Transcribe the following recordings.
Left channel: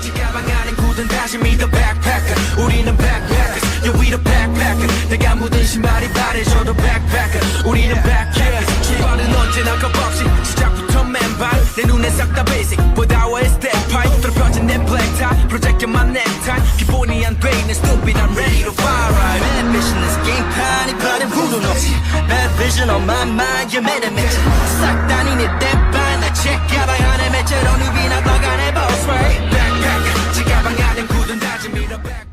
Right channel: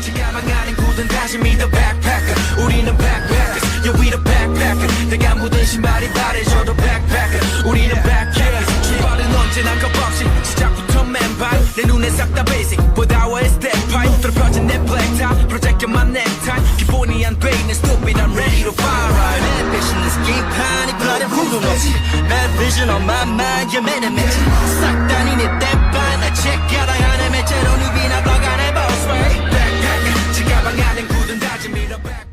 지가방 안엔 굳은 다짐이 the backpacker 우리는 backpackers yeah we the backpacker 내가 묻은 신발이 바래져도 backpacker 우리는 backpackers 출발은 언제나 겁없이 시작부터 맨발 내 눈에 싹 다 basic 보다와의 step pipe 뚫어펴진 내 black tie 프로젝트만 necktie 기본이 안 돼 있는 stupid I'm ready to fire right bad vision is game판이 변한 후는 없이 bad vision on my mind you made a match 싹 다니네 땜반 나 check 가방 안에 매체로 누비나 blog 안에 boss right backpacker 지가방 안엔 굳은 다짐이 the backpacker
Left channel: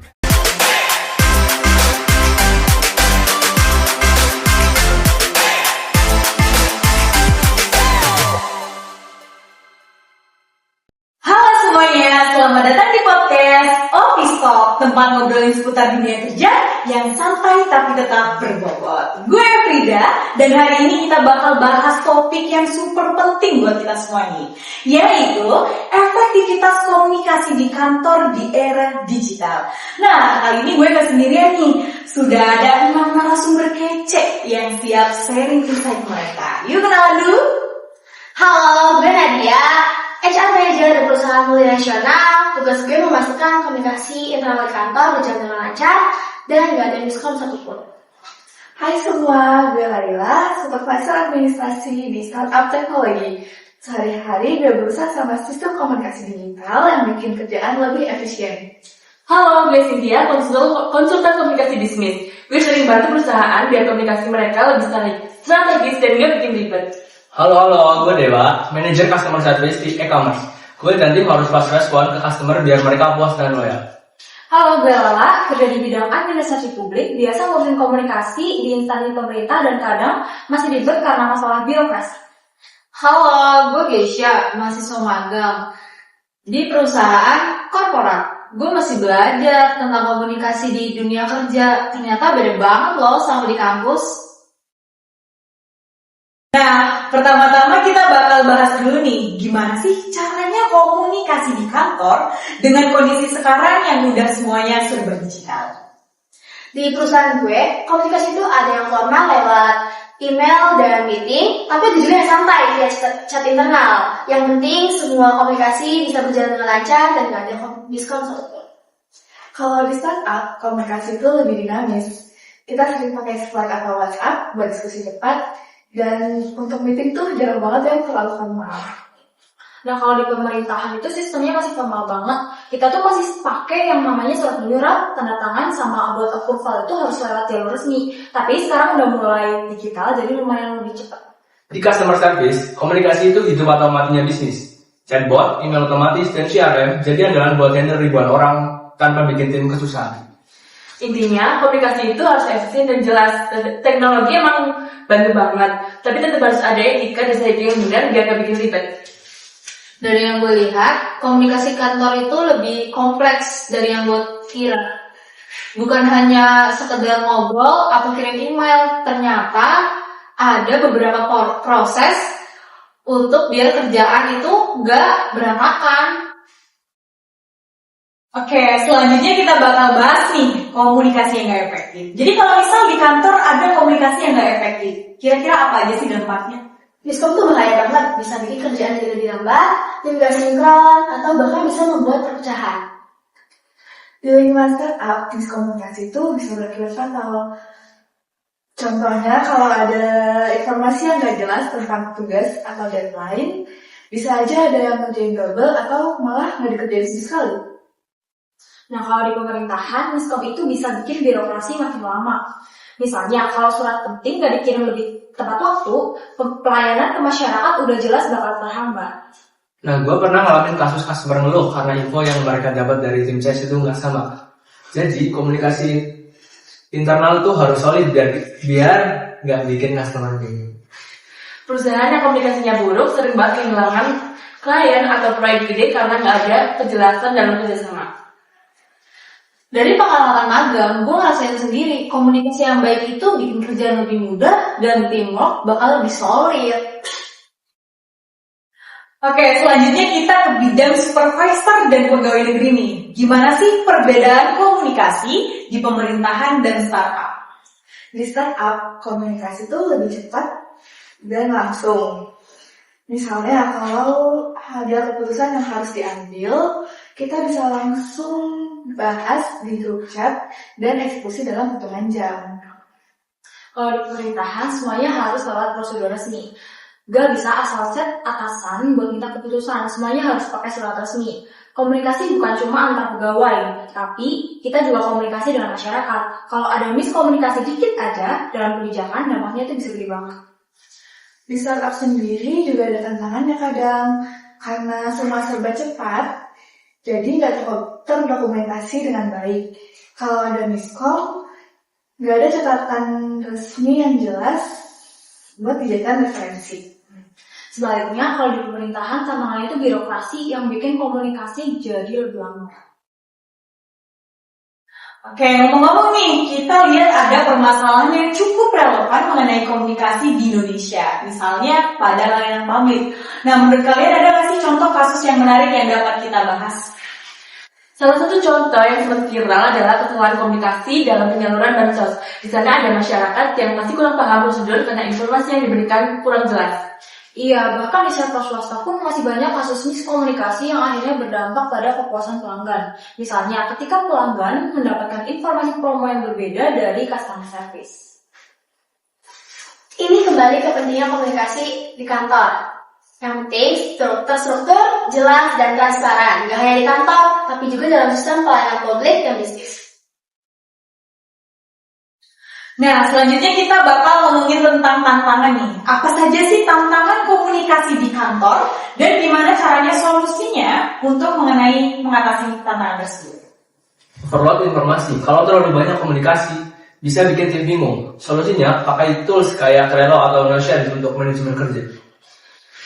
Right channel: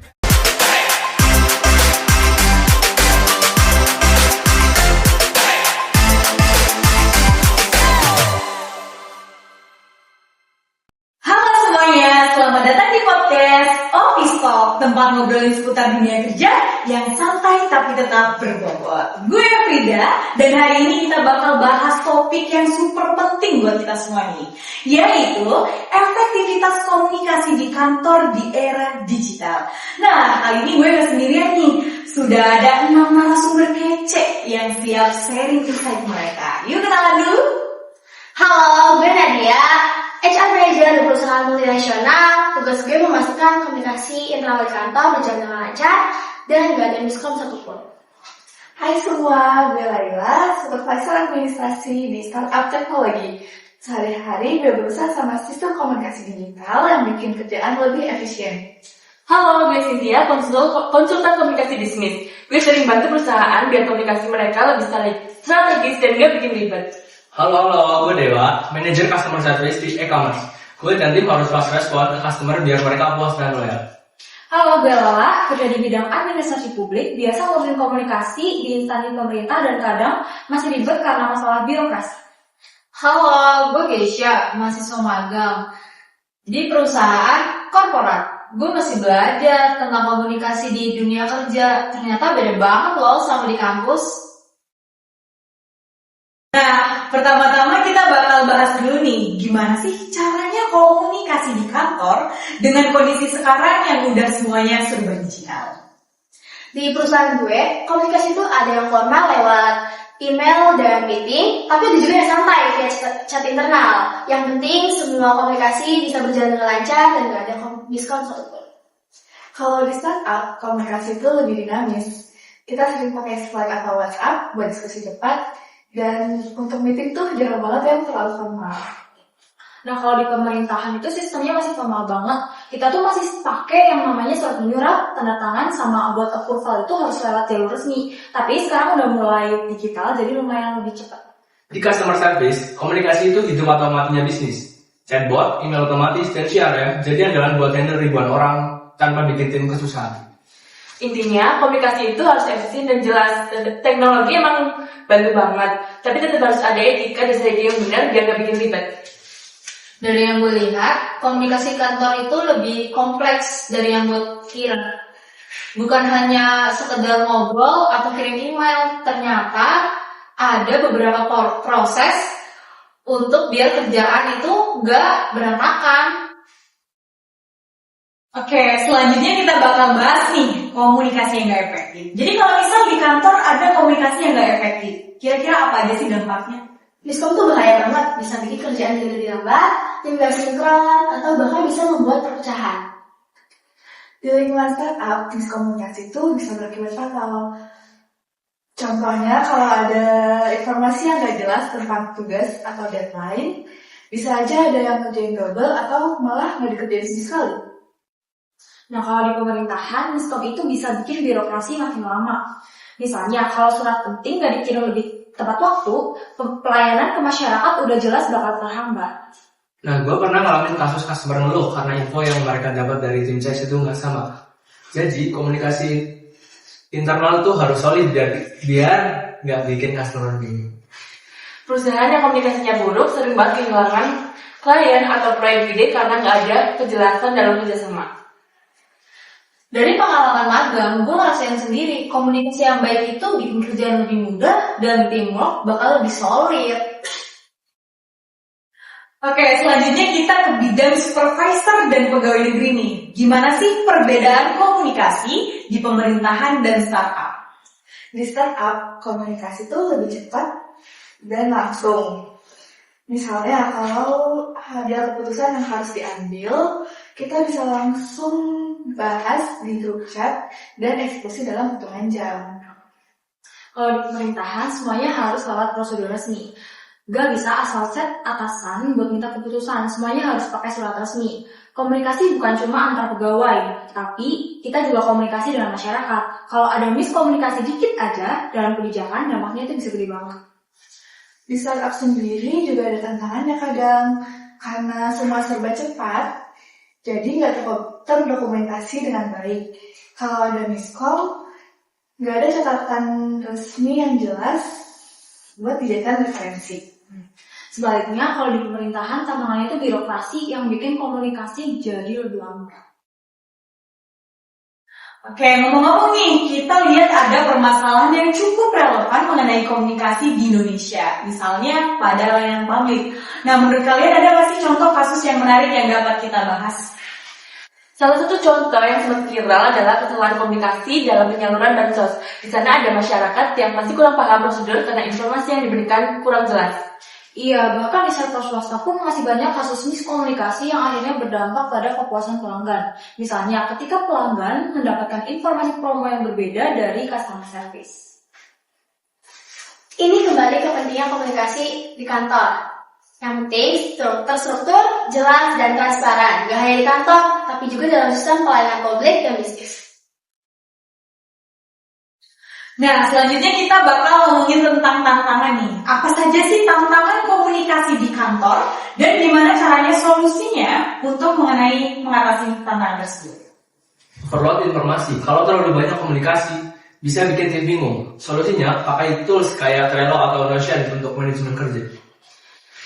Halo semuanya, selamat datang di podcast Office Talk, tempat ngobrolin seputar dunia kerja yang santai tapi tetap berbobot. Gue Frida, dan hari ini kita bakal bahas topik yang super penting buat kita semua nih, yaitu efektivitas komunikasi di kantor di era digital. Nah, kali ini gue gak sendirian nih, sudah ada 6 narasumber kece yang siap sharing insight mereka. Yuk kenalan dulu. Halo, gue Nadia, HR Manager di perusahaan multinasional. Tugas gue memastikan komunikasi internal di kantor berjalan dengan lancar dan gak ada miskom satupun. Hai semua, gue Laila, Supervisor Administrasi di Startup Teknologi. Sehari-hari gue berusaha sama sistem komunikasi digital yang bikin kerjaan lebih efisien. Halo, gue Cynthia, konsultan komunikasi bisnis. Gue sering bantu perusahaan biar komunikasi mereka lebih strategis dan gak bikin ribet. Halo, gue Dewa, manajer customer service di e-commerce. Gue dan tim harus fast respon ke customer biar mereka puas dan loyal. Halo, gue Lala, kerja di bidang administrasi publik, biasa ngurusin komunikasi di instansi pemerintah dan kadang masih ribet karena masalah birokrasi. Halo, gue Geisha, mahasiswa magang di perusahaan korporat. Gue masih belajar tentang komunikasi di dunia kerja. Ternyata beda banget loh sama di kampus. Nah, pertama-tama kita bakal bahas dulu nih, gimana sih caranya komunikasi di kantor dengan kondisi sekarang yang udah semuanya serba digital. Di perusahaan gue, komunikasi itu ada yang formal lewat email dan meeting, tapi ada juga yang santai via chat internal. Yang penting semua komunikasi bisa berjalan dengan lancar dan gak ada miskom satupun. Kalau di startup, komunikasi itu lebih dinamis. Kita sering pakai Slack atau WhatsApp buat diskusi cepat, dan untuk meeting tuh jarang banget yang terlalu formal. Nah, kalau di pemerintahan itu sistemnya masih formal banget. Kita tuh masih pakai yang namanya surat menyurat, tanda tangan, sama about approval itu harus lewat jalur resmi. Tapi sekarang udah mulai digital, jadi lumayan lebih cepat. Di customer service, komunikasi itu hidup atau matinya bisnis. Chatbot, email otomatis, dan CRM jadi andalan buat handle ribuan orang tanpa bikin tim kesusahan. Intinya, komunikasi itu harus efisien dan jelas. Teknologi emang bantu banget, tapi tetap harus ada etika dan strategi yang benar biar gak bikin ribet. Dari yang gue lihat, komunikasi kantor itu lebih kompleks dari yang gue kira. Bukan hanya sekedar ngobrol atau kirim email, ternyata ada beberapa proses untuk biar kerjaan itu gak berantakan. Oke, selanjutnya kita bakal bahas nih komunikasi yang gak efektif. Jadi kalau misal di kantor ada komunikasi yang gak efektif, kira-kira apa aja sih dampaknya? Miskom tuh bahaya banget, bisa bikin kerjaan jadi lebih lambat, tim gak sinkron, atau bahkan bisa membuat perpecahan. Di lingkungan startup, miskomunikasi itu bisa berakibat fatal. Contohnya, kalau ada informasi yang gak jelas tentang tugas atau deadline, bisa aja ada yang ngerjain double atau malah gak dikerjain sama sekali. Nah, kalau di pemerintahan, miskom itu bisa bikin birokrasi makin lama. Misalnya, kalau surat penting gak dikirim lebih tepat waktu, pelayanan ke masyarakat udah jelas bakal terhambat. Nah, gue pernah ngalamin kasus customer ngeluh karena info yang mereka dapat dari tim sales itu nggak sama. Jadi, komunikasi internal tuh harus solid biar nggak bikin customer bingung. Perusahaan yang komunikasinya buruk sering banget kehilangan klien atau proyek gede karena nggak ada kejelasan dalam kerjasama. Dari pengalaman magang, gue ngerasain sendiri komunikasi yang baik itu bikin kerjaan lebih mudah dan teamwork bakal lebih solid. Oke, selanjutnya kita ke bidang supervisor dan pegawai negeri nih. Gimana sih perbedaan komunikasi di pemerintahan dan startup? Di startup, komunikasi itu lebih cepat dan langsung. Misalnya kalau ada keputusan yang harus diambil, kita bisa langsung bahas di grup chat dan eksekusi dalam hitungan jam. Kalau di pemerintahan semuanya harus lewat prosedur resmi. Gak bisa asal set atasan buat minta keputusan, semuanya harus pakai surat resmi. Komunikasi bukan cuma antar pegawai, tapi kita juga komunikasi dengan masyarakat. Kalau ada miskomunikasi dikit aja dalam kebijakan, dampaknya itu bisa gede banget. Di startup sendiri juga ada tantangannya kadang, karena semua serba cepat, jadi nggak terdokumentasi dengan baik. Kalau ada miskom, nggak ada catatan resmi yang jelas buat dijadikan referensi. Sebaliknya, kalau di pemerintahan, tantangannya itu birokrasi yang bikin komunikasi jadi lebih lama. Oke, ngomong-ngomong nih, kita lihat ada permasalahan yang cukup relevan mengenai komunikasi di Indonesia, misalnya pada layanan publik. Nah, menurut kalian ada nggak sih contoh kasus yang menarik yang dapat kita bahas? Salah satu contoh yang sempat viral adalah kesalahan komunikasi dalam penyaluran bansos. Di sana ada masyarakat yang masih kurang paham prosedur karena informasi yang diberikan kurang jelas. Iya, bahkan di sektor swasta pun masih banyak kasus miskomunikasi yang akhirnya berdampak pada kepuasan pelanggan. Misalnya, ketika pelanggan mendapatkan informasi promo yang berbeda dari customer service. Ini kembali ke pentingnya komunikasi di kantor. Yang penting terstruktur, jelas, dan transparan. Gak hanya di kantor, tapi juga dalam sistem pelayanan publik dan bisnis. Nah, selanjutnya kita bakal ngomongin tentang tantangan nih. Apa saja sih tantangan komunikasi di kantor dan gimana caranya solusinya untuk mengatasi tantangan tersebut? Overload informasi. Kalau terlalu banyak komunikasi, bisa bikin tim bingung. Solusinya, pakai tools kayak Trello atau Notion untuk manajemen kerja.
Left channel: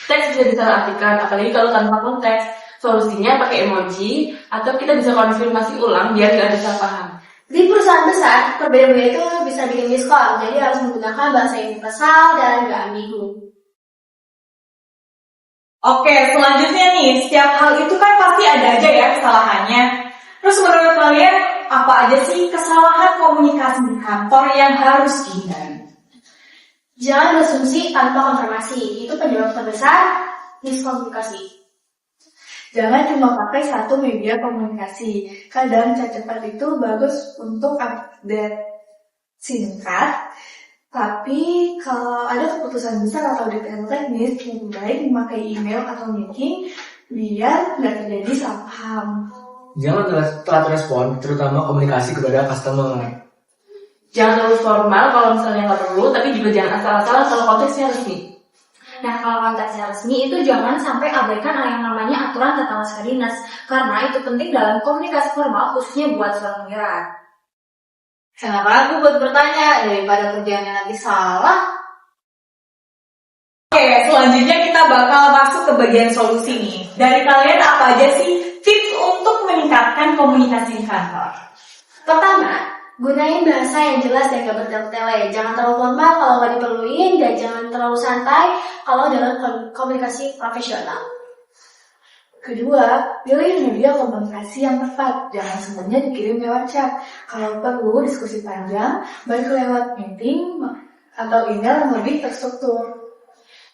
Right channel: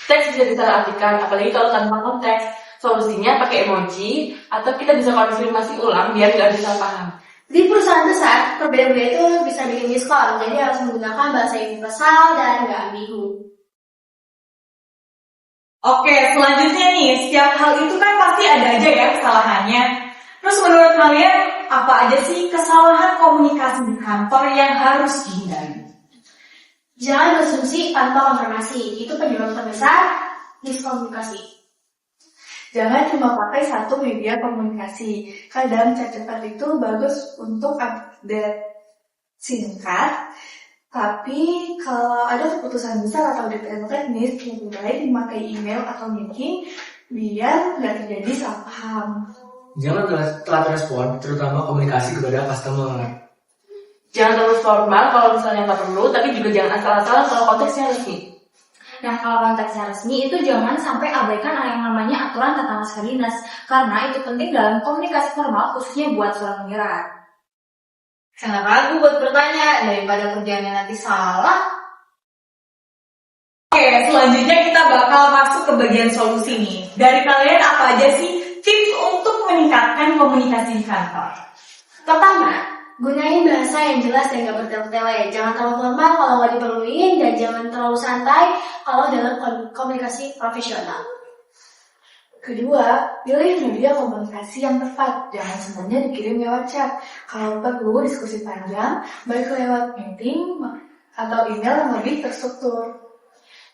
Teks bisa disalahartikan, apalagi kalau tanpa konteks. Solusinya pakai emoji, atau kita bisa konfirmasi ulang biar gak ada salah paham. Di perusahaan besar, perbedaan itu bisa bikin miskom, jadi harus menggunakan bahasa universal dan gak ambigu. Oke, selanjutnya nih, setiap hal itu kan pasti ada aja ya kesalahannya. Terus menurut kalian, apa aja sih kesalahan komunikasi di kantor yang harus dihindari? Jangan berasumsi tanpa konfirmasi, itu penyebab terbesar miskomunikasi. Jangan cuma pakai satu media komunikasi. Kadang chat cepat itu bagus untuk update singkat, tapi kalau ada keputusan besar atau detail teknis, lebih baik memakai email atau meeting biar nggak terjadi salah paham. Jangan telat respon, terutama komunikasi kepada customer. Jangan terlalu formal kalau misalnya nggak perlu, tapi juga jangan asal-asalan kalau konteksnya resmi. Nah, kalau konteksnya resmi itu jangan sampai abaikan yang namanya aturan tentang naskah dinas, karena itu penting dalam komunikasi formal khususnya buat surat menyurat. Sangat ragu buat bertanya daripada kerjaannya nanti salah. Oke, selanjutnya kita bakal masuk ke bagian solusi nih. Dari kalian apa aja sih tips untuk meningkatkan komunikasi di kantor? Pertama, gunain bahasa yang jelas dan gak bertele-tele. Jangan terlalu formal kalau nggak diperluin, dan jangan terlalu santai kalau dalam komunikasi profesional. Kedua, pilih media komunikasi yang tepat. Jangan semuanya dikirim lewat chat. Kalau perlu diskusi panjang, baik lewat meeting atau email yang lebih terstruktur.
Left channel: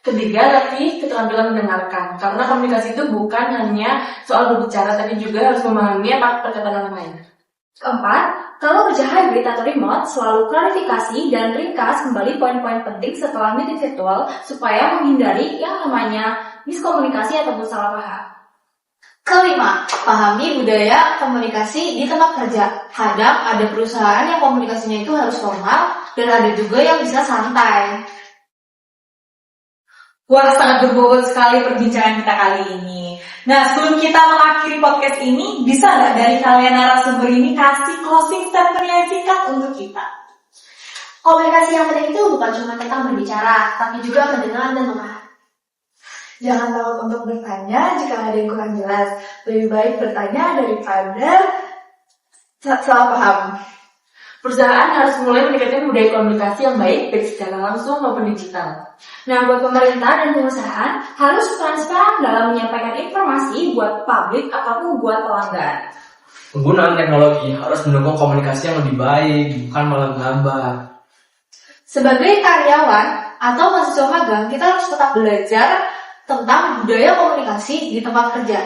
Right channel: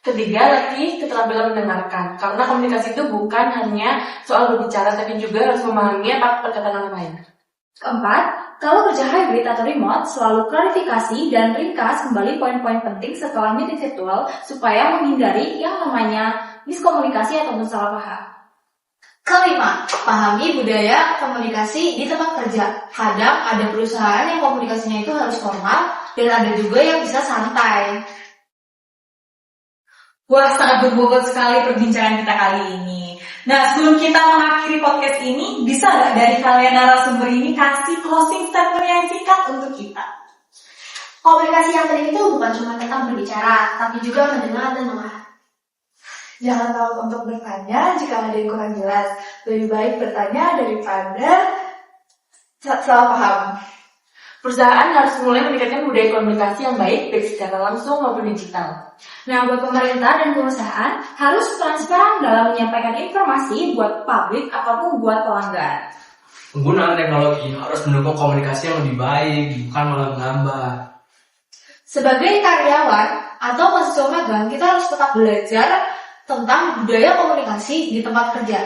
Ketiga, latih keterampilan mendengarkan. Karena komunikasi itu bukan hanya soal berbicara, tapi juga harus memahami apa perkataan orang lain. Keempat, kalau kerja hybrid atau remote, selalu klarifikasi dan ringkas kembali poin-poin penting setelah meeting virtual supaya menghindari yang namanya miskomunikasi atau salah paham. Kelima, pahami budaya komunikasi di tempat kerja. Kadang ada perusahaan yang komunikasinya itu harus formal dan ada juga yang bisa santai. Wah, sangat berbobot sekali perbincangan kita kali ini. Nah, sebelum kita mengakhiri podcast ini, bisa nggak dari kalian narasumber ini kasih closing statement yang singkat untuk kita? Komunikasi yang penting itu bukan cuma tentang berbicara, tapi juga mendengar dan memahami. Jangan takut untuk bertanya jika ada yang kurang jelas. Lebih baik bertanya daripada salah paham. Perusahaan harus mulai meningkatkan budaya komunikasi yang baik, baik secara langsung maupun digital. Nah, buat pemerintah dan perusahaan harus transparan dalam menyampaikan informasi buat publik ataupun buat pelanggan. Penggunaan teknologi harus mendukung komunikasi yang lebih baik, bukan malah menambah. Sebagai karyawan atau mahasiswa magang, kita harus tetap belajar tentang budaya komunikasi di tempat kerja.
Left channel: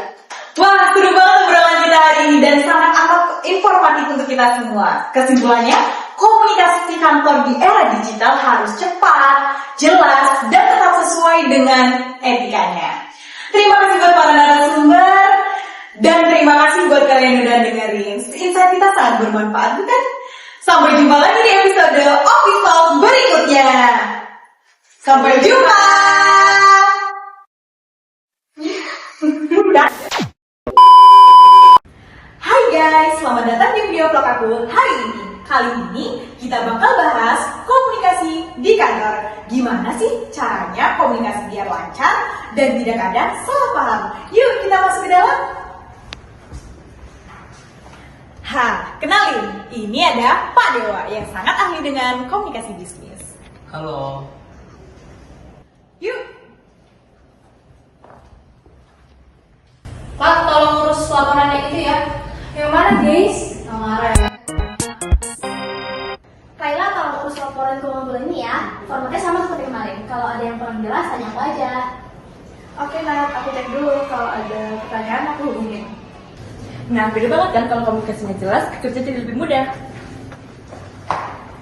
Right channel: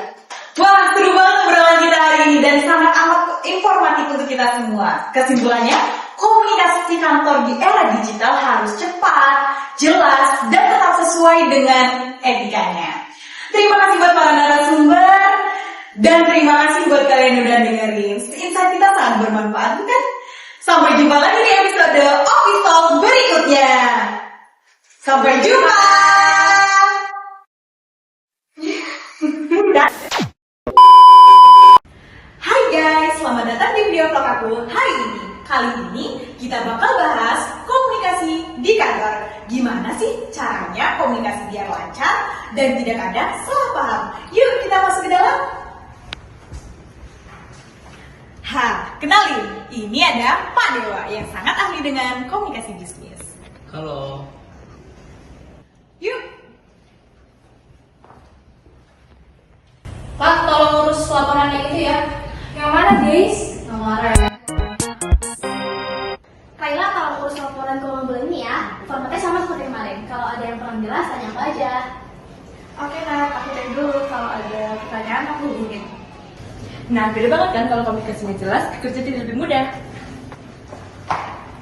Wah, seru banget obrolan kita hari ini dan sangat amat informatif untuk kita semua. Kesimpulannya, komunikasi kantor di era digital harus cepat, jelas, dan tetap sesuai dengan etikanya. Terima kasih buat para narasumber, dan terima kasih buat kalian yang udah dengerin. Insight kita sangat bermanfaat, bukan? Sampai jumpa lagi di episode Office Talk berikutnya. Sampai jumpa! Hai guys, selamat datang di video vlog aku hari ini. Kali ini kita bakal bahas komunikasi di kantor. Gimana sih caranya komunikasi biar lancar dan tidak ada salah paham? Yuk kita masuk ke dalam. Kenalin, ini ada Pak Dewa yang sangat ahli dengan komunikasi bisnis. Halo. Yuk. Pak, tolong urus laporannya itu ya. Yang mana guys? Nggak marah ya. Kayla kalau urus laporan keuangan bulan ini ya, formatnya sama seperti kemarin. Kalau ada yang kurang jelas, tanya aku aja. Oke Nat, aku cek dulu. Kalau ada pertanyaan aku hubungin. Nah, beda banget kan kalau komunikasinya jelas, kerja jadi lebih mudah.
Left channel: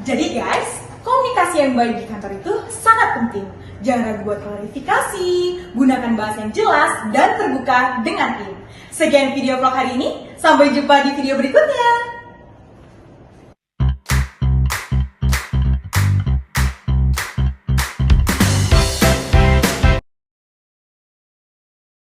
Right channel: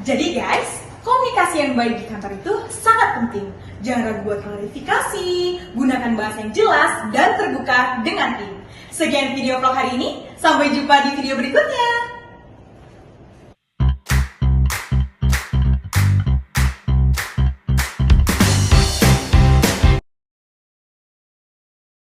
Jadi guys, komunikasi yang baik di kantor itu sangat penting. Jangan ragu buat klarifikasi, gunakan bahasa yang jelas dan terbuka dengan tim. Sekian video vlog hari ini, sampai jumpa di video berikutnya.